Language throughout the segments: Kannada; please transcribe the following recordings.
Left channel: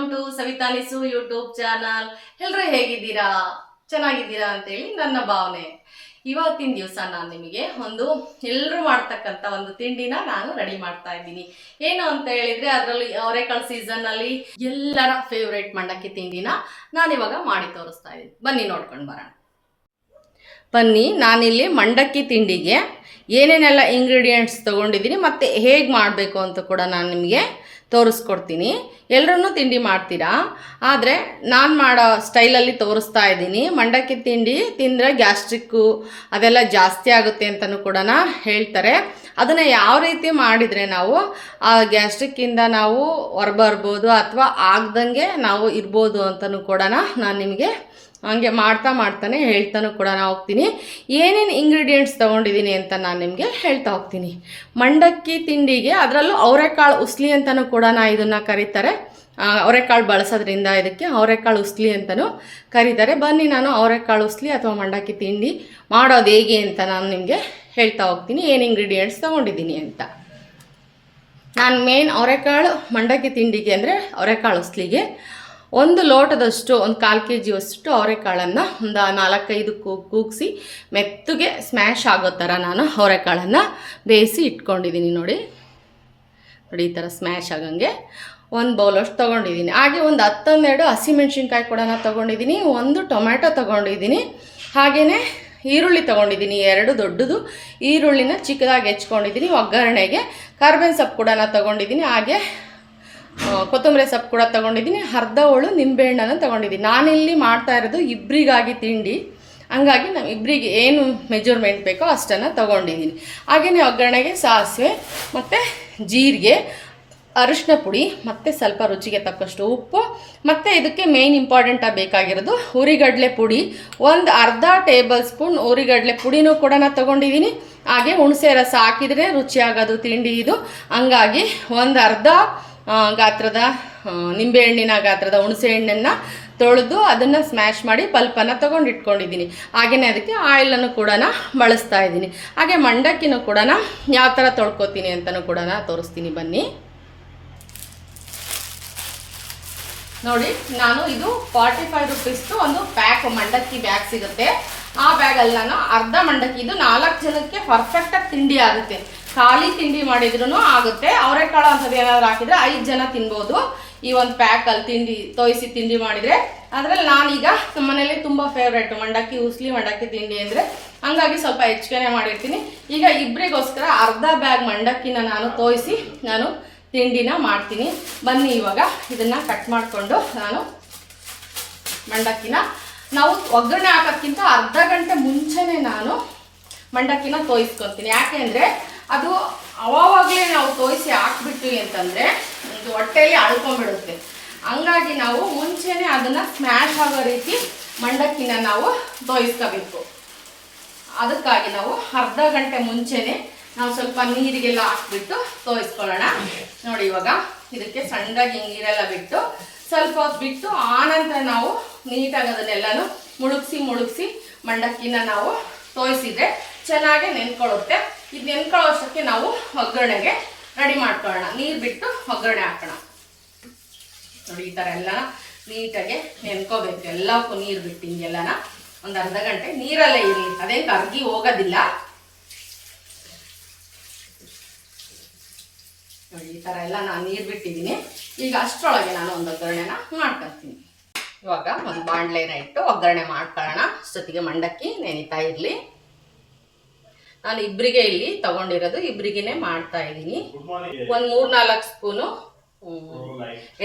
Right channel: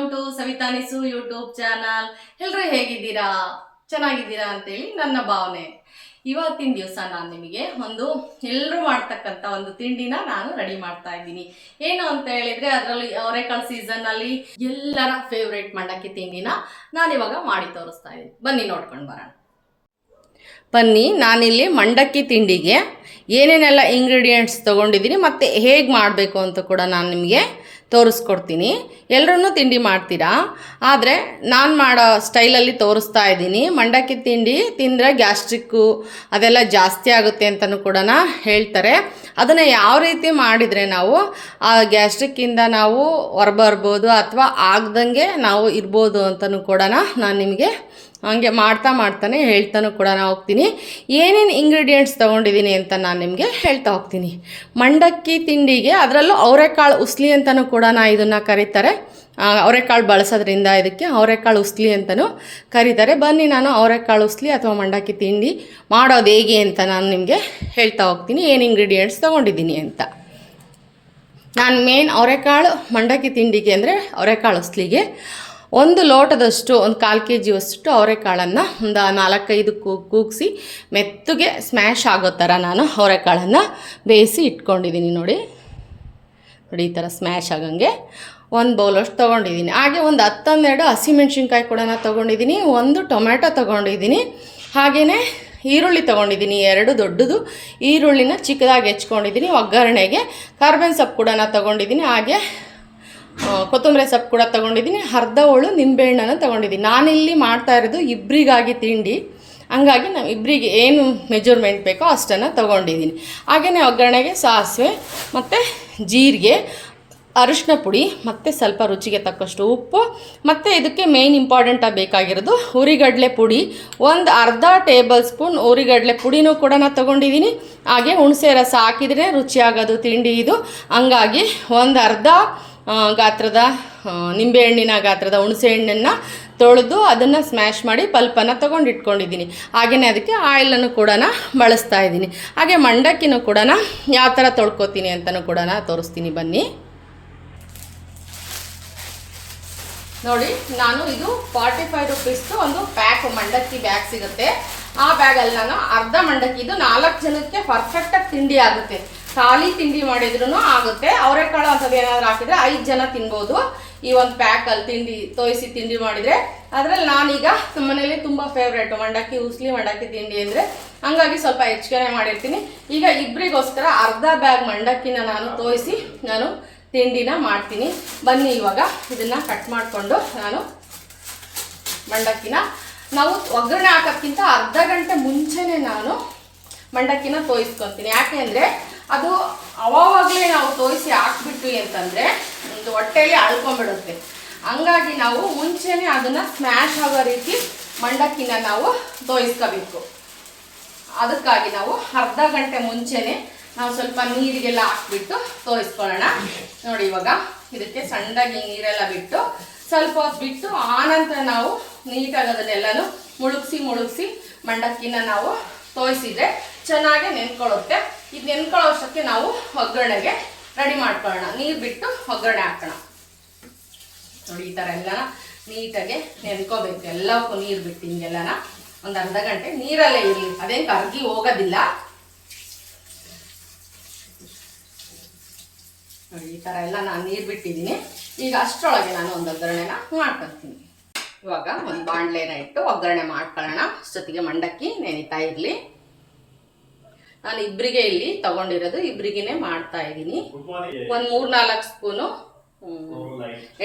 Welcome to Savita Nisu YouTube channel. ಎಲ್ಲರೂ ಹೇಗಿದ್ದೀರಾ? ಚೆನ್ನಾಗಿದ್ದೀರಾ ಅಂತೇಳಿ ನನ್ನ ಭಾವನೆ. ಇವತ್ತಿನ ದಿವಸ ನಾನು ನಿಮಗೆ ಎಲ್ಲರೂ ಮಾಡ್ತಕ್ಕಂಥ ಒಂದು ತಿಂಡಿನ ನಾನು ರೆಡಿ ಮಾಡ್ತಾ ಇದ್ದೀನಿ. ಏನು ಅಂತ ಹೇಳಿದ್ರೆ, ಅದರಲ್ಲಿ ಅವರೆಕಾಳು ಸೀಸನ್ನಲ್ಲಿ ಎಲ್ಲರ ಫೇವ್ರೇಟ್ ಮಂಡಕ್ಕಿ ತಿಂಡಿನ ನಾನಿವಾಗ ಮಾಡಿ ತೋರಿಸ್ತಾ ಇದ್ದೀನಿ. ಬನ್ನಿ ನೋಡ್ಕೊಂಡು ಬರೋಣ. ಬನ್ನಿ, ನಾನಿಲ್ಲಿ ಮಂಡಕ್ಕಿ ತಿಂಡಿಗೆ ಏನೇನೆಲ್ಲ ಇಂಗ್ರೀಡಿಯೆಂಟ್ಸ್ ತೊಗೊಂಡಿದ್ದೀನಿ ಮತ್ತು ಹೇಗೆ ಮಾಡಬೇಕು ಅಂತ ಕೂಡ ನಾನು ನಿಮಗೆ ತೋರಿಸ್ಕೊಡ್ತೀನಿ. ಎಲ್ಲರೂ ತಿಂಡಿ ಮಾಡ್ತೀರಾ, ಆದರೆ ನಾನು ಮಾಡೋ ಸ್ಟೈಲಲ್ಲಿ ತೋರಿಸ್ತಾ ಇದ್ದೀನಿ. ಮಂಡಕ್ಕಿ ತಿಂಡಿ ತಿಂದರೆ ಗ್ಯಾಸ್ಟ್ರಿಕ್ಕು ಅದೆಲ್ಲ ಜಾಸ್ತಿ ಆಗುತ್ತೆ ಅಂತಲೂ ಕೂಡ ಹೇಳ್ತಾರೆ. ಅದನ್ನು ಯಾವ ರೀತಿ ಮಾಡಿದರೆ ನಾವು ಆ ಗ್ಯಾಸ್ಟ್ರಿಕ್ಕಿಂದ ನಾವು ಹೊರಬರ್ಬೋದು ಅಥವಾ ಆಗ್ದಂಗೆ ನಾವು ಇರ್ಬೋದು ಅಂತಲೂ ಕೂಡ ನಾನು ನಿಮಗೆ ಹಂಗೆ ಮಾಡ್ತಾನೆ ಹೇಳ್ತಾನೂ ಕೂಡ ಹೋಗ್ತೀನಿ. ಏನೇನು ಇಂಗ್ರೀಡಿಯೆಂಟ್ಸ್ ತೊಗೊಂಡಿದ್ದೀನಿ ಅಂತ ನಾನು ನಿಮಗೆ ಹೇಳ್ತಾ ಹೋಗ್ತೀನಿ. ಮಂಡಕ್ಕಿ ತಿಂಡಿಗೆ ಅದರಲ್ಲೂ ಅವರೆಕಾಳು ಉಸ್ಲಿ ಅಂತಲೂ ಕೂಡ ಇದನ್ನು ಕರೀತಾರೆ. ಅವರೆಕಾಳು ಬಳಸೋದ್ರಿಂದ ಇದಕ್ಕೆ ಅವರೆಕಾಳು ಉಸ್ಲಿ ಅಂತಲೂ ಕರೀತಾರೆ. ಬನ್ನಿ, ನಾನು ಅವರೆಕಾಳು ಉಸ್ಲಿ ಅಥವಾ ಮಂಡಕ್ಕಿ ತಿಂಡಿ ಮಾಡೋದು ಹೇಗೆ ಅಂತ ನಾನು ನಿಮಗೆ ಹೇಳ್ತಾ ಹೋಗ್ತೀನಿ, ಏನು ಇಂಗ್ರೀಡಿಯೆಂಟ್ಸ್ ತೊಗೊಂಡಿದ್ದೀನಿ ಅಂತ. ನಾನು ಮೇನ್ ಅವರೆಕಾಳು ಮಂಡಕ್ಕಿ ತಿಂಡಿಗೆ ಅಂದರೆ ಅವರೆಕಾಳು ಉಸ್ಲಿಗೆ 1 ಲೋಟದಷ್ಟು 1/4 kg ಅವರೆಕಾಳನ್ನು ಒಂದು 4-5 ಕೂಗಿಸಿ ಮೆತ್ತಗೆ ಸ್ಮ್ಯಾಶ್ ಆಗೋ ಥರ ನಾನು ಅವರೆಕಾಳನ್ನು ಬೇಯಿಸಿ ಇಟ್ಕೊಂಡಿದ್ದೀನಿ. ನೋಡಿ ಈ ಥರ ಸ್ಮ್ಯಾಶ್ ಆಗಂಗೆ 1 ಬೌಲಷ್ಟು ತೊಗೊಂಡಿದ್ದೀನಿ. ಹಾಗೆ ಒಂದು 10-12 ಹಸಿಮೆಣ್ಸಿನ್ಕಾಯಿ ಕೂಡ ತೊಗೊಂಡಿದ್ದೀನಿ. 1 ಟೊಮೆಟೊ ತೊಗೊಂಡಿದ್ದೀನಿ. ಹಾಗೆಯೇ ಈರುಳ್ಳಿ ತೊಗೊಂಡಿದ್ದೀನಿ, 2 ದೊಡ್ಡದು ಈರುಳ್ಳಿನ ಚಿಕ್ಕದಾಗಿ ಹೆಚ್ಕೊಂಡಿದ್ದೀನಿ. ಒಗ್ಗರಣೆಗೆ ಕರ್ಬೇವಿನ ಸೊಪ್ಪು ಕೂಡ ತೊಗೊಂಡಿದ್ದೀನಿ. ಹಾಗೆ ಕೊತ್ತಂಬರಿ ಸೊಪ್ಪು ಕೂಡ ತೊಗೊಂಡಿದ್ದೀನಿ. ಅರ್ಧ ಹೋಳು ನಿಂಬೆಹಣ್ಣನ್ನು ತೊಗೊಂಡಿದ್ದೀನಿ. ನಾನಿಲ್ಲಿ ಮಾಡ್ತಾ ಇರೋದು ಇಬ್ಬರಿಗಾಗಿ ತಿಂಡಿ, ಹಂಗಾಗಿ ನಾವು ಇಬ್ಬರಿಗೆ ಏನು ಮೆಜರ್ಮೆಂಟ್ ಬೇಕೋ ಅಷ್ಟನ್ನು ತೊಗೊಂಡಿದ್ದೀನಿ. ಹಾಗೆಯೇ ಒಗ್ಗರಣೆಗೆ ಸಾಸಿವೆ ಮತ್ತು ಜೀರಿಗೆ, ಅರಿಶಿನ ಪುಡಿ ಮತ್ತು ಸ್ವಲ್ಪ ರುಚಿಗೆ ತಕ್ಕಷ್ಟು ಉಪ್ಪು ಮತ್ತು ಇದಕ್ಕೆ ಮೇಯ್ನ್ ಇಂಪಾರ್ಟೆಂಟಾಗಿ ಬೇಕಾಗಿರೋದು ಹುರಿಗಡಲೆ ಪುಡಿ. ಒಂದು ಅರ್ಧ ಟೇಬಲ್ ಸ್ಪೂನ್ ಹುರಿಗಡಲೆ ಪುಡಿನೂ ಕೂಡ ತೊಗೊಂಡಿದ್ದೀನಿ. ಹಾಗೆ ಹುಣಸೆ ರಸ ಹಾಕಿದರೆ ರುಚಿಯಾಗೋದು ತಿಂಡಿ ಇದು. ಹಂಗಾಗಿ ಒಂದು ಅರ್ಧ ಗಾತ್ರದ ನಿಂಬೆಹಣ್ಣಿನ ಗಾತ್ರದ ಹುಣಸೆ ಹಣ್ಣನ್ನು ತೊಳೆದು ಅದನ್ನು ಸ್ಮ್ಯಾಶ್ ಮಾಡಿ ಪಲ್ಪನ್ನು ತೊಗೊಂಡು ಇಟ್ಕೊಂಡಿದ್ದೀನಿ. ಹಾಗೆಯೇ ಅದಕ್ಕೆ ಆಯಿಲನ್ನು ಕೂಡ ಬಳಸ್ತಾ ಇದ್ದೀನಿ. ಹಾಗೆ ಮಂಡಕ್ಕಿನೂ ಕೂಡ ಯಾವ ಥರ ತೊಳ್ಕೊತೀನಿ ಅಂತಲೂ ಕೂಡ ತೋರಿಸ್ತೀನಿ. ಬನ್ನಿ ನೋಡಿ, ನಾನು ಇದು 45 ರೂಪೀಸ್ದು ಒಂದು ಪ್ಯಾಕ್ ಮಂಡಕ್ಕಿ ಬ್ಯಾಗ್ ಸಿಗುತ್ತೆ. ಆ ಬ್ಯಾಗಲ್ಲಿ ನಾನು ಅರ್ಧ ಮಂಡಕ್ಕಿ, ಇದು 4 ಜನಕ್ಕೆ ಪರ್ಫೆಕ್ಟಾಗಿ ತಿಂಡಿ ಆಗುತ್ತೆ. ಖಾಲಿ ತಿಂಡಿ ಮಾಡಿದ್ರೂ ಆಗುತ್ತೆ. ಅವರೆಕಾಳು ಅಂಥದ್ದು ಏನಾದರೂ ಹಾಕಿದರೆ 5 ಜನ ತಿನ್ಬೋದು ಈ ಒಂದು ಪ್ಯಾಕಲ್ಲಿ ತಿಂಡಿ ತೋಯಿಸಿ ತಿಂಡಿ ಮಾಡಿದರೆ. ಅದರಲ್ಲಿ ನಾನೀಗ ನಮ್ಮ ಮನೇಲಿ ತುಂಬ ಫೇವ್ರೇಟು ಮಂಡಕ್ಕಿ ಉಸ್ಲಿ, ಮಂಡಕ್ಕಿ ತಿಂಡಿ ಅಂದರೆ, ಹಂಗಾಗಿ ಸ್ವಲ್ಪ ಹೆಚ್ಚಿಗೆ ಮಾಡಿರ್ತೀನಿ. ಈಗ ಇಬ್ಬರಿಗೋಸ್ಕರ ಅರ್ಧ ಬ್ಯಾಗ್ ಮಂಡಕ್ಕಿನ ನಾನು ತೋಯಿಸಿ ನಾನು ತಿಂಡಿನ ಮಾಡ್ತೀನಿ. ಬನ್ನಿ, ಇವಾಗ ಇದನ್ನು ಕಟ್ ಮಾಡಿಕೊಂಡು ನಾನು ಮಂಡಕ್ಕಿನ ನಾವು ಒಗ್ಗರಣೆ ಹಾಕೋಕ್ಕಿಂತ ಅರ್ಧ ಗಂಟೆ ಮುಂಚೆನೇ ನಾನು ಮಂಡಕ್ಕಿನ ತೋಯಿಸ್ಕೊತೀನಿ. ಯಾಕೆ ಅಂದರೆ ಅದು ಅವಾಗಲೇ ನಾವು ತೋಯಿಸಿ ಹಾಕ್ಬಿಟ್ವಿ ಅಂತಂದರೆ ಒಂದು ಹೊಟ್ಟೆಯಲ್ಲಿ ಅಳ್ಕೊಂಡ್ಬಿಡುತ್ತೆ. ಹಂಗಾಗಿ ನಾವು ಮುಂಚೆನೇ ಅದನ್ನು ಸ್ಮ್ಯಾಶ್ ಆಗೋ ರೀತಿ ಮಂಡಕ್ಕಿನ ನಾವು ತೋಯಿಸ್ಕೋಬೇಕು. ಅದಕ್ಕಾಗಿ ನಾವು ಅರ್ಧ ಗಂಟೆ ಮುಂಚೆನೇ ನಾವು ಸ್ವಲ್ಪ ನೀರಿಗೆಲ್ಲ ಹಾಕ್ಬಿಟ್ಟು ತೋಯಿಸ್ಕೊಳ್ಳೋಣ. ನೋಡಿ, ಇವಾಗ ಇದಕ್ಕೆ ಸಣ್ಣದಾಗಿ ನೀರೆಲ್ಲ ಬಿಟ್ಟು ಸ್ವಲ್ಪ ಹೊತ್ತು ಬಿಟ್ಟು ಆನಂತರ ನಾವು ನೀಟಾಗಿ ಅದನ್ನೆಲ್ಲನೂ ಮುಳುಗಿಸಿ ಮಂಡಕ್ಕಿನ ನಾವು ತೋಯಿಸಿದ್ರೆ ಚೆನ್ನಾಗಿ ನೆನ್ಕೊಳ್ಳುತ್ತೆ. ಇದು ನೆನ್ಕೊಳ್ಳೋ ಅಷ್ಟಕ್ಕೆ ನಾವು ಒಗ್ಗರಣೆಗೆ ರೆಡಿ ಮಾಡ್ಕೊಳ್ಳೋಣ. ನೀರು ಬಿಟ್ಟು ಒಗ್ಗರಣೆ ಹಾಕೋಣ. ನೋಡಿ, ಈ ಥರ ಎಲ್ಲ ನೀಟಾಗಿ ನೆನ್ಕೋಬೇಕು. ಎಲ್ಲಕ್ಕೂ ನೀರು ಬಿಟ್ಟು ಹಿಂಗೆಲ್ಲನ ಒಂದು ಅರ್ಧ ಗಂಟೆ ನೀರಲ್ಲೇ ಇರಲಿ, ಅದೇನು ಕರ್ಗಿ ಹೋಗೋದಿಲ್ಲ. ನೋಡಿ, ಈ ಥರ ಎಲ್ಲ ನಾನು ನೀರು ಬಿಟ್ಟಿದ್ದೀನಿ. ಈಗ ಅಷ್ಟರೊಳಗೆ ನಾನು ಒಂದು ಒಗ್ಗರಣೆನ ಮಾಡ್ಕೊಳ್ತೀನಿ. ಇವಾಗ ಒಂದು ಬಾಣಲೆನ ಇಟ್ಟು ಒಗ್ಗರಣೆ ಮಾಡ್ಕೊಳ್ಳೋಣ. ಅಷ್ಟೊತ್ತಿಗೆ ಮಂಡಕ್ಕಿ ನೆನಿತಾ ಇರಲಿ. ನಾನು ಇಬ್ಬರಿಗೆ ಇಲ್ಲಿ ತೊಗೊಂಡಿರೋದು, ಇಬ್ಬರಿಗೇ ಮಾಡ್ತಾ ಇದ್ದೀನಿ. ಒಂದು 3-4 ಸ್ಪೂನು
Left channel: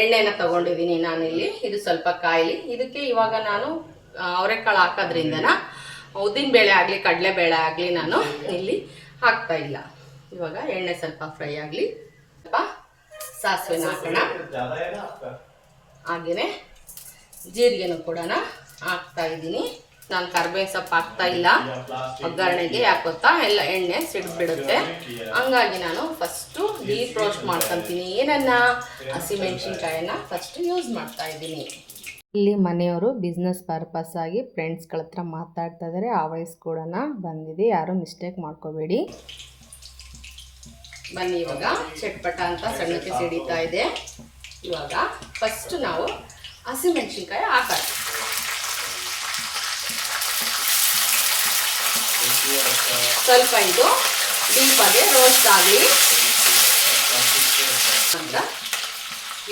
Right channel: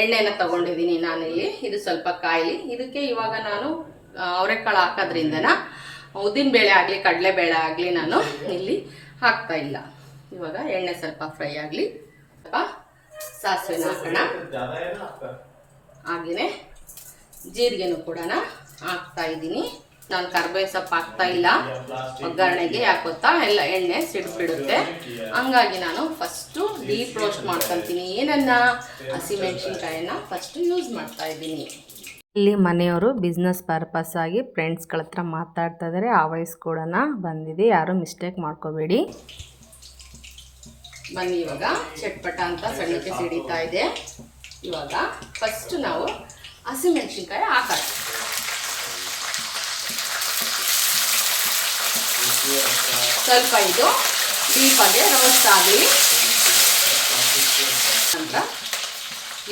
ಎಣ್ಣೆನ ತೊಗೊಂಡಿದ್ದೀನಿ ನಾನಿಲ್ಲಿ. ಇದು ಸ್ವಲ್ಪ ಕಾಯಿಲಿ. ಇದಕ್ಕೆ ಇವಾಗ ನಾನು ಅವರೆಕಾಳು ಹಾಕೋದ್ರಿಂದನ ಉದ್ದಿನಬೇಳೆ ಆಗಲಿ ಕಡಲೆಬೇಳೆ ಆಗಲಿ ನಾನು ಇಲ್ಲಿ ಹಾಕ್ತಾ ಇಲ್ಲ. ಇವಾಗ ಎಣ್ಣೆ ಸ್ವಲ್ಪ ಫ್ರೈ ಆಗಲಿ. ಸ್ವಲ್ಪ ಸಾಸಿವೆನ ಹಾಕೋಣ. ಹಾಗೆಯೇ ಜೀರಿಗೆನೂ ಕೂಡ ಹಾಕ್ತಾ ಇದ್ದೀನಿ. ನಾನು ಕರ್ಬೇವಿನ ಸೊಪ್ಪು ಹಾಕ್ತಾ ಇಲ್ಲ ಒಗ್ಗರಣೆಗೆ. ಯಾಕೆ ಗೊತ್ತಾ, ಎಲ್ಲ ಎಣ್ಣೆ ಸಿಡಿದ್ಬಿಡುತ್ತೆ. ಹಂಗಾಗಿ ನಾನು ಫಸ್ಟು ಡೀಪ್ ರೋಸ್ಟ್ ಮಾಡ್ಕೊತೀನಿ. ಏನನ್ನ ಹಸಿಮೆಣ್ಸಿನ್ಕಾಯಿನ ಫಸ್ಟು ಯೂಸ್ ಮಾಡ್ತಾ ಇದ್ದೀನಿ. ಇಲ್ಲಿ ಮನೆಯವರು ಬಿಸ್ನೆಸ್ ಪರ್ಪಸ್ ಆಗಿ ಫ್ರೆಂಡ್ಸ್ಗಳ ಹತ್ರ ಮಾತಾಡ್ತಾ ಇದ್ದಾರೆ. ಆ ವಾಯ್ಸ್ ಕೂಡ ಬಂದಿದೆ, ಯಾರು ಮಿಸ್ಟೇಕ್ ಮಾಡ್ಕೋಬೇಡಿ. ಬನ್ನಿ, ಇವಾಗ ಚಟ್ಪಟ ಅಂತ ಸಣ್ಣಕ್ಕೆ ಸಿಡಿತಾ ಇದೆ. ಇವಾಗ ಫಸ್ಟ್ ನಾವು ಹಸಿಮೆಣಸಿನ್ಕಾಯಿ ಹಾಕೋಣ. ಸ್ವಲ್ಪ ಇದು ಡೀಪಾಗಿ ರೋಸ್ಟ್ ಆಗಲಿ ಅಂತ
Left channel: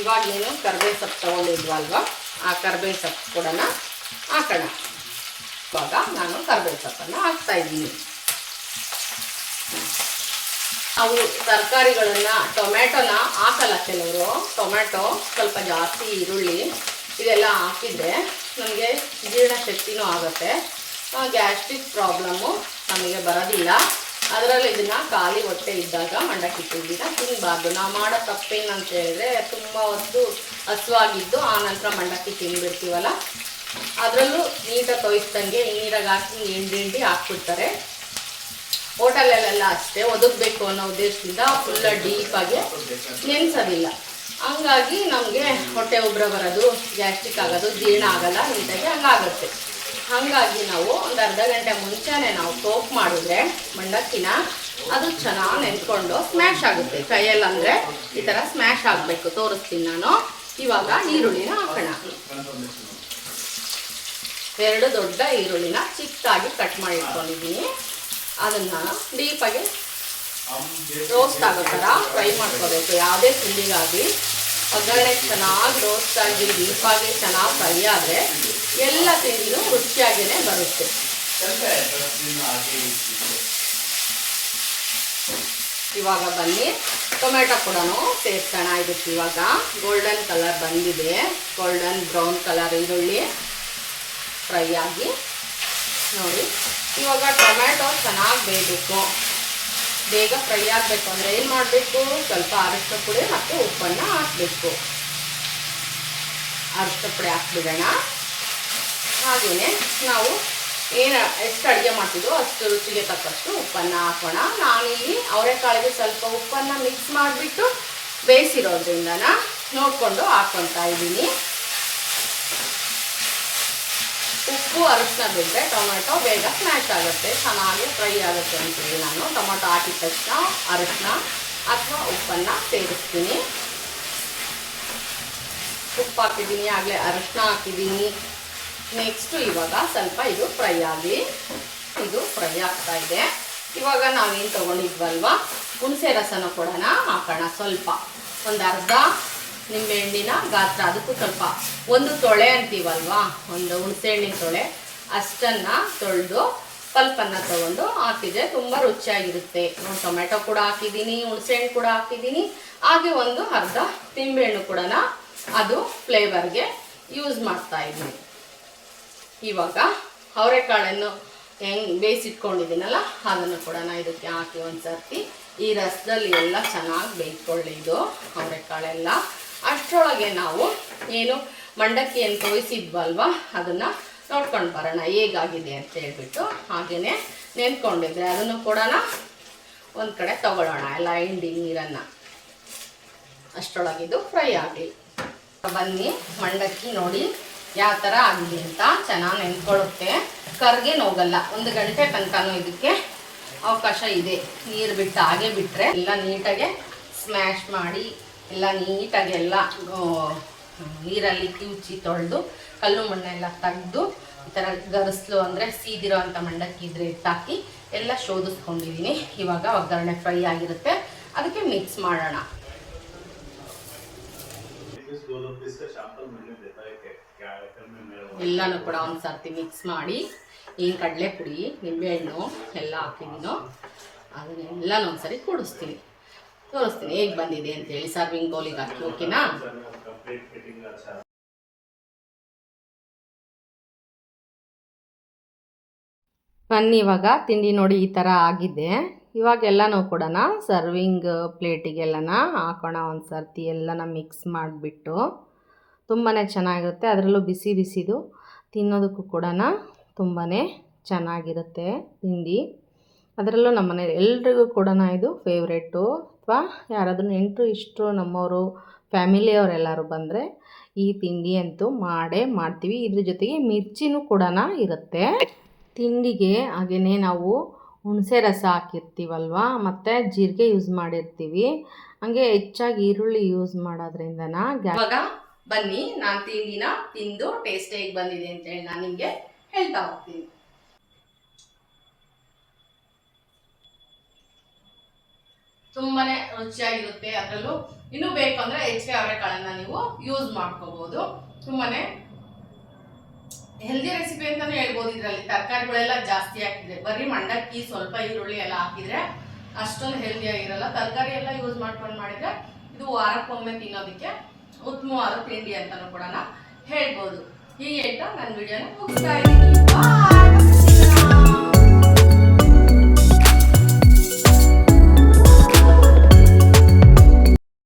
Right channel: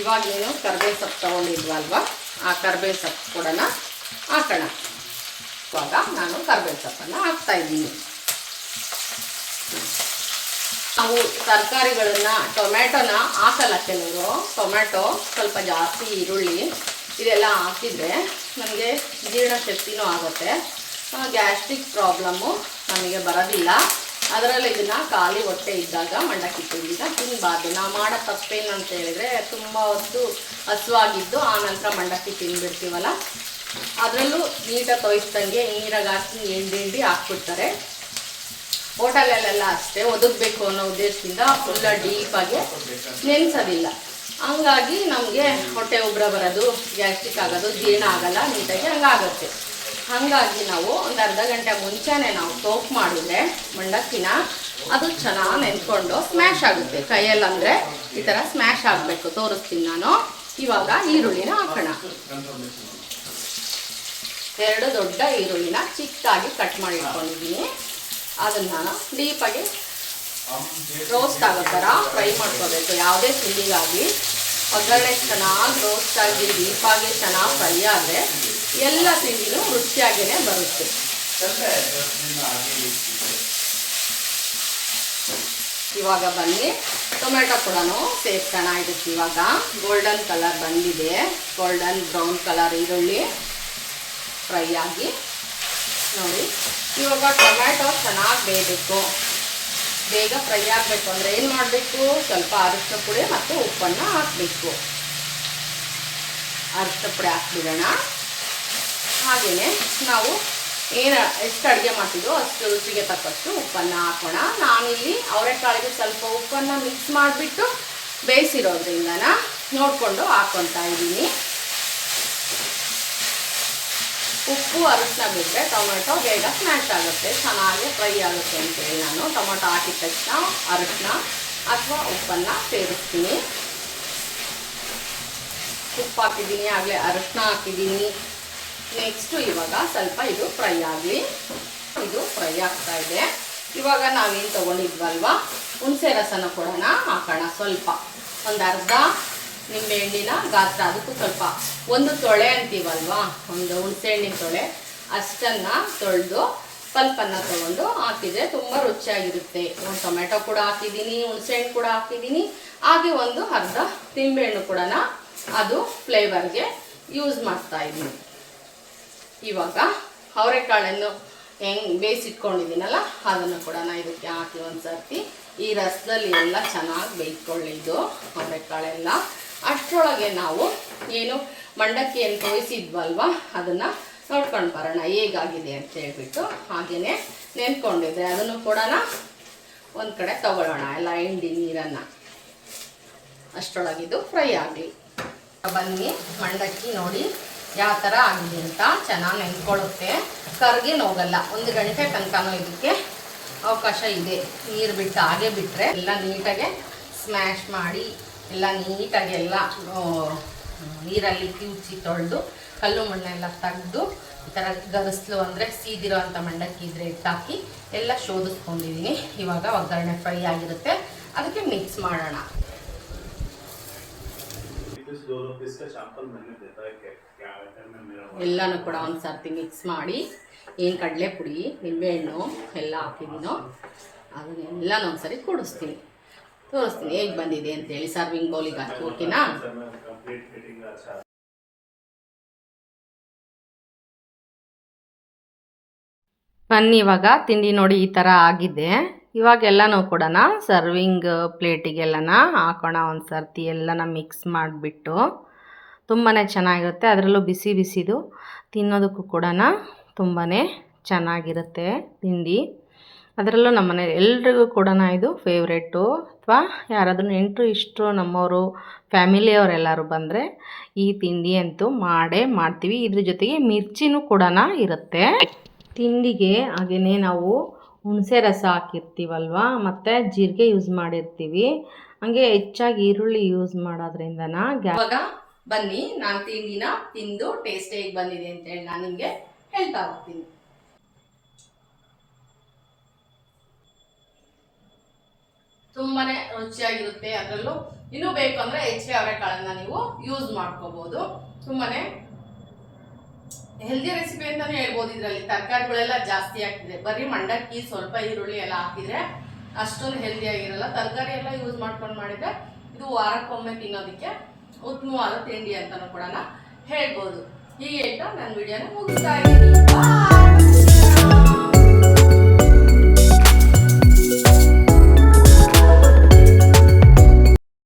ಇವಾಗಲೇನು ಕರ್ಬೇವು ಸೊಪ್ಪು ತೊಗೊಂಡಿದ್ವಲ್ವ, ಆ ಕರ್ಬೇವು ಸೊಪ್ಪು ಕೂಡ ಹಾಕೋಣ. ಇವಾಗ ನಾನು ಕರ್ಬೇವು ಸೊಪ್ಪನ್ನು ಹಾಕ್ತಾಯಿದ್ದೀನಿ. ನಾವು ತರಕಾರಿಗಳನ್ನ ಟೊಮೆಟೊನ ಹಾಕಲ್ಲ ಕೆಲವರು. ಟೊಮೆಟೊ ಸ್ವಲ್ಪ ಜಾಸ್ತಿ, ಈರುಳ್ಳಿ ಇದೆಲ್ಲ ಹಾಕಿದರೆ ನಮಗೆ ಜೀರ್ಣಶಕ್ತಿನೂ ಆಗುತ್ತೆ, ಗ್ಯಾಸ್ಟ್ರಿಕ್ ಪ್ರಾಬ್ಲಮ್ಮು ನಮಗೆ ಬರೋದಿಲ್ಲ. ಅದರಲ್ಲಿ ಇದನ್ನು ಖಾಲಿ ಹೊಟ್ಟೆ ಇದ್ದಾಗ ಮಂಡಕ್ಕಿ ತಿಂದಿನ ತಿನ್ನಬಾರ್ದು. ನಾವು ಮಾಡೋ ತಪ್ಪೇನು ಅಂತ ಹೇಳಿದ್ರೆ ತುಂಬ ಹೊತ್ತು ಹಸುವಾಗಿದ್ದು ಆನಂತರ ಮಂಡಕ್ಕಿ ತಿಂದುಬಿಡ್ತೀವಲ್ಲ, ಅದರಲ್ಲೂ ನೀಟಾಗಿ ತೊಯ್ಸ್ದಂಗೆ ನೀರಾಗಿ ಹಾಕಿ ಹಿಂಡಿ ಹಾಕ್ಬಿಡ್ತಾರೆ. ಹೋಟೆಲಲ್ಲೆಲ್ಲ ಅಷ್ಟೇ ಒದಗಬೇಕು ಅನ್ನೋ ಉದ್ದೇಶದಿಂದ ಫುಲ್ಲ ಡೀಪಾಗಿ ನೆನೆಸೋದಿಲ್ಲ. ಹಂಗಾಗಿ ನಮಗೆ ಹೊಟ್ಟೆ ಉಬ್ಬರ ಬರೋದು, ಗ್ಯಾಸ್ಟ್ರಿಕ್ ಆಗೋದು, ಜೀರ್ಣ ಆಗೋಲ್ಲ ನೀಟಾಗಿ ಹಂಗಾಗುತ್ತೆ. ಹಾಗಾಗಿ ನಾವು ಒಂದು ಅರ್ಧ ಗಂಟೆ ಮುಂಚೆನೇ ನಾವು ಸೋಪ್ ಮಾಡಿದ್ರೆ ಮಂಡಕ್ಕಿನ ಅದು ಚೆನ್ನಾಗಿ ನೆನ್ಕೊಂಡು ಸ್ಮ್ಯಾಶ್ ಆಗುತ್ತೆ. ಕೈಯಲ್ಲಂದರೆ ಈ ಥರ ಸ್ಮ್ಯಾಶ್ ಆಗಬೇಕು. ತೋರಿಸ್ತೀನಿ ನಾನು. ಇವಾಗ ಈರುಳ್ಳಿನ ಹಾಕೋಣ. 2 ದೊಡ್ಡ ಈರುಳ್ಳಿನ ಚಿಕ್ಕದಾಗಿ ಕಟ್ ಮಾಡಿ ಇಟ್ಕೊಂಡಿದ್ದೀನಿ. ಅದನ್ನು ಡೀಪಾಗಿ ರೋಸ್ಟ್ ಆಗೋ ಥರ ಫ್ರೈ ಮಾಡ್ಕೋಬೇಕು. ಯಾವುದೇ ತಿಂಡಿಗಾಗಿ ಒಗ್ಗರಣೆ ಚೆನ್ನಾಗಿ ರೋಸ್ಟ್ ಆಗಿ ಡೀಪಾಗಿ ಚೆನ್ನಾಗಿ ಫ್ರೈ ಆದರೆ ಎಲ್ಲ ತಿಂಡಿನೂ ರುಚಿಯಾಗಿಯೇ ಬರುತ್ತೆ. ಇವಾಗ ಬನ್ನಿ ಟೊಮೆಟೊ ಕೂಡ ಸೇರ್ಸೋಣ ಇದಕ್ಕೆ. ಇವಾಗ ಗೋಲ್ಡನ್ ಕಲರ್ ಬಂದಿದೆ, ಗೋಲ್ಡನ್ ಬ್ರೌನ್ ಕಲರ್ ಈರುಳ್ಳಿ ಫ್ರೈ ಆಗಿ ನೋಡಿ. ಇವಾಗ ಟೊಮೆಟೊ ಚೆನ್ನಾಗಿ ಬೇಯಬೇಕು. ಬೇಗ ಫ್ರೈ ಆಗಬೇಕು ಅಂದರೆ ಏನು ಮಾಡಬೇಕು, ಸ್ವಲ್ಪ ಅರಿಶಿನ ಪುಡಿ ಮತ್ತು ಉಪ್ಪನ್ನು ಹಾಕಬೇಕು. ಅರಿಶಿನ ಪುಡಿ ಹಾಕ್ಬಿಡೋಣ. ಹಾಗೆಯೇ ನಾವು ಎಷ್ಟು ಅಡುಗೆ ಮಾಡ್ತಿದ್ದೋ ಅಷ್ಟು ರುಚಿಗೆ ತಕ್ಕಷ್ಟು ಉಪ್ಪನ್ನು ಹಾಕೋಣ. ನಾನಿಲ್ಲಿ ಅವರೆಕಾಳಿಗೆ ಸ್ವಲ್ಪ ಉಪ್ಪನ್ನು ಮಿಕ್ಸ್ ಮಾಡಿಬಿಟ್ಟು ಬೇಯಿಸಿರೋದ್ರಿಂದ ನೋಡಿಕೊಂಡು ಹಾಕ್ಕೊತಾ ಇದ್ದೀನಿ. ಉಪ್ಪು ಅರಿಶಿನ ಬಿಟ್ಟರೆ ಟೊಮೆಟೊ ಬೇಗ ಸ್ಮ್ಯಾಶ್ ಆಗುತ್ತೆ, ಚೆನ್ನಾಗಿ ಫ್ರೈ ಆಗುತ್ತೆ ಅಂತೇಳಿ ನಾನು ಟೊಮೆಟೊ ಹಾಕಿದ ತಕ್ಷಣ ಅರಿಶಿನ ಅಥವಾ ಉಪ್ಪನ್ನು ಸೇರಿಸ್ತೀನಿ. ಉಪ್ಪು ಹಾಕಿದ್ದೀನಿ, ಆಗಲೇ ಅರಿಶಿನ ಹಾಕಿದ್ದೀನಿ. ನೆಕ್ಸ್ಟು ಇವಾಗ ಸ್ವಲ್ಪ ಇದು ಫ್ರೈ ಆಗಲಿ. ಇದು ಫ್ರೈ ಆಗ್ತಾ ಇದೆ. ಇವಾಗ ನಾವೇನು ತೊಗೊಂಡಿದ್ವಲ್ವ ಹುಣಸೆ ರಸನ ಕೂಡ ಹಾಕೋಣ. ಸ್ವಲ್ಪ ಒಂದು ಅರ್ಧ ನಿಂಬೆಹಣ್ಣಿನ ಗಾತ್ರ, ಅದಕ್ಕೂ ಸ್ವಲ್ಪ 1 ತೊಳೆ ಅಂತೀವಲ್ವ, ಒಂದು ಹುಣಸೆ ಹಣ್ಣಿನ ತೊಳೆ ಅಷ್ಟನ್ನು ತೊಳೆದು ಪಲ್ಪನ್ನು ತೊಗೊಂಡು ಹಾಕಿದರೆ ತುಂಬ ರುಚಿಯಾಗಿರುತ್ತೆ. ಒಂದು ಟೊಮೆಟೊ ಕೂಡ ಹಾಕಿದ್ದೀನಿ, ಹುಣಸೆ ಹಣ್ಣು ಕೂಡ ಹಾಕಿದ್ದೀನಿ, ಹಾಗೆ ಒಂದು ಅರ್ಧ ನಿಂಬೆಹಣ್ಣು ಕೂಡ ಅದು ಫ್ಲೇವರ್ಗೆ ಯೂಸ್ ಮಾಡ್ತಾ ಇದ್ದೀನಿ. ಇವಾಗ ಅವರೆಕಾಳನ್ನು ಹೆಂಗೆ ಬೇಯಿಸಿಟ್ಕೊಂಡಿದ್ದೀನಲ್ಲ ಅದನ್ನು ಕೂಡ ಇದಕ್ಕೆ ಹಾಕಿ ಒಂದು ಸರ್ತಿ ಈ ರಸದಲ್ಲಿ ಎಲ್ಲ ಚೆನ್ನಾಗಿ ಬೇಯಿಸ್ಕೊಳ್ಳಿ ಇದು ಅವರೆಕಾಳೆಲ್ಲ. ಅಷ್ಟರೊಳಗೆ ನಾವು ಏನು ಮಂಡಕ್ಕಿಯನ್ನು ತೋಯಿಸಿದ್ವಲ್ವ ಅದನ್ನು ನೋಡ್ಕೊಂಡು ಬರೋಣ ಹೇಗಾಗಿದೆ ಅಂತ ಹೇಳ್ಬಿಟ್ಟು. ಹಾಗೆಯೇ ನೆನ್ಕೊಂಡಿದ್ರೆ ಅದನ್ನು ಕೂಡ ಒಂದು ಕಡೆ ತೊಗೊಳ್ಳೋಣ, ಎಲ್ಲ ಹಿಂಡಿ ನೀರನ್ನು. ಅಷ್ಟರೊಳಗಿದು ಫ್ರೈ ಆಗಲಿ. ಬನ್ನಿ ಮಂಡಕ್ಕಿ ನೋಡಿ ಯಾವ ಥರ ಆಗಿದೆ ಅಂತ. ಚೆನ್ನಾಗಿ ನೆನ್ಕೊಳ್ಳುತ್ತೆ, ಕರ್ಗೇನು ಹೋಗಲ್ಲ. 1 ಗಂಟೆ ತನಕನೂ ಇದಕ್ಕೆ ಅವಕಾಶ ಇದೆ. ನೀರು ಬಿಟ್ಟು ಹಾಗೆ ಬಿಟ್ಟರೆ ಎಲ್ಲ ನೀಟಾಗೆ ಸ್ಮ್ಯಾಶ್ ಮಾಡಿ ಎಲ್ಲ ನೀಟಾಗಿ ಎಲ್ಲ ನೀರಲ್ಲಿ ಕಿವುಚಿ ತೊಳೆದು ಕಲ್ಲು ಮಣ್ಣೆಲ್ಲ ತೆಗೆದು ಈ ಥರ ಗರಿಸ್ಲು ಅಂದರೆ ಸೀದಿರೋ ಅಂಥ ಮಂಡಕ್ಕಿ ಇದ್ರೆ ಇಟ್ಟಾಕಿ ಎಲ್ಲ ಶೋಧಿಸ್ಕೊಂಡಿದ್ದೀನಿ. ಇವಾಗ ಒಗ್ಗರಣೆ ಫ್ರೈ ಆಗಿರುತ್ತೆ, ಅದಕ್ಕೆ ಮಿಕ್ಸ್ ಮಾಡೋಣ. ಎಲ್ಲನೂ ಕೂಡ ಒಂದು ಸರ್ತಿ ಮಿಕ್ಸ್ ಮಾಡಿ ಏನು ಕಡಲೆ ಪುಡಿ ನಿಂಬೆಹಣ್ಣು ಎಲ್ಲ ಹಾಕಿದ್ದೀನೋ ಅದನ್ನೆಲ್ಲನೂ ಒಂದ್ಸರಿ ತೋರಿಸ್ತೀನಿ ಹೇಗೆ ಬಂದಿದೆ ಅಂತೇಳಿ. ಸರ್ವಿಂಗ್ ಬೌಲಿಗೆ ಹಾಕಿ ಓಕೆನಾ. ಬನ್ನಿ ಇವಾಗ ತಿಂಡಿ ನೋಡಿ ಈ ಥರ ಆಗಿದೆ. ಇವಾಗೆಲ್ಲನೂ ಕೂಡ ಸರ್ವಿಂಗ್ ಪ್ಲೇಟಿಗೆಲ್ಲನ ಹಾಕೋಣ ಒಂದು ಸರ್ತಿ. ಎಲ್ಲನ ಮಿಕ್ಸ್ ಮಾಡಿಬಿಟ್ಟು ತುಂಬಾ ಚೆನ್ನಾಗಿರುತ್ತೆ. ಅದರಲ್ಲೂ ಬಿಸಿ ಬಿಸಿದು ತಿನ್ನೋದಕ್ಕೂ ಕೂಡ ತುಂಬಾ ಚೆನ್ನಾಗಿರುತ್ತೆ ತಿಂಡಿ. ಅದರಲ್ಲೂ ನಮ್ಮ ಮನೇಲಿ ಎಲ್ರಿಗೂ ಕೂಡ ಇದು ಫೇವ್ರೇಟು. ಅಥವಾ ಯಾರಾದರೂ ನೆಂಟರು ಇಷ್ಟರು ನಮ್ಮವರು ಫ್ಯಾಮಿಲಿಯವರೆಲ್ಲರೂ ಬಂದರೆ ಈ ತಿಂಡಿ ಅಂತೂ ಮಾಡೇ ಮಾಡ್ತೀವಿ. ಇದ್ರ ಜೊತೆಗೆ ಮಿರ್ಚಿನೂ ಕೂಡ ಇರುತ್ತೆ ತಿಂಡಿಗೆ. ಹಾಗೆಯೇ ನಾವು ಹುಣಸೆ ರಸ ಹಾಕಿರ್ತೀವಲ್ವ ಮತ್ತು ಜೀರಿಗೆ ಯೂಸ್ ಮಾಡಿರ್ತೀವಿ. ಹಂಗೆ ಹೆಚ್ಚಾಗಿ ಈರುಳ್ಳಿ ಯೂಸ್ ಮಾಡೋದ್ರಿಂದನ ಇವಾಗ ಬನ್ನಿ ನಾನು ತಿಂಡಿನ ತಿಂದು ಟೇಸ್ಟ್ ಹೇಗೆ ಬಂದಿದೆ ಅಂತೇಳಿ ನಾನು ನಿಮಗೆ ಹೇಳ್ತಾ ಹೋಗ್ತೀನಿ. ತುಂಬಾನೇ ರುಚಿಯಾಗಿರುತ್ತೆ. ಅದರಲ್ಲೂ ಇನ್ನೂ ಬೇಕು ಅಂದರೆ ಹೆಚ್ಚಿಗೆ ಅವರೆಕಾಳನ್ನ ನೀವು ಯೂಸ್ ಮಾಡ್ಕೋಬೋದು. ತುಂಬಾನೇ ಹೆಲ್ದಿ ರೆಸಿಪಿ ಅಂತಾನೆ ಹೇಳ್ಬೋದು. ಇದರಲ್ಲಿ ತರಕಾರಿಗಳೆಲ್ಲ ಜಾಸ್ತಿ ಹಾಕಿದ್ರೆ, ಬರೀ ಮಂಡಕ್ಕಿ ಸ್ವಲ್ಪ ಈರುಳ್ಳಿ ಎಲ್ಲ ಹಾಕಿದ್ರೆ ಅಷ್ಟೊಂದು ಹೆಲ್ದಿ ಆಗಿರಲ್ಲ. ತರಕಾರಿ ಎಲ್ಲ ಯೂಸ್ ಮಾಡ್ಕೊಂಡು ಮಾಡಿದ್ರೆ ಇದು ವಾರಕ್ಕೊಮ್ಮೆ ತಿನ್ನೋದಕ್ಕೆ ಉತ್ತಮವಾದ ತಿಂಡಿ ಅಂತಾನೂ ಕೂಡ ಹೇಳ್ಬೋದು. ಹೀಗೆ ಹೇಳ್ತಾ ನನ್ನ ವಿಡಿಯೋನ ಮುಗಿಸ್ತಾ ಇದ್ದೀನಿ. ಬಾಯ್.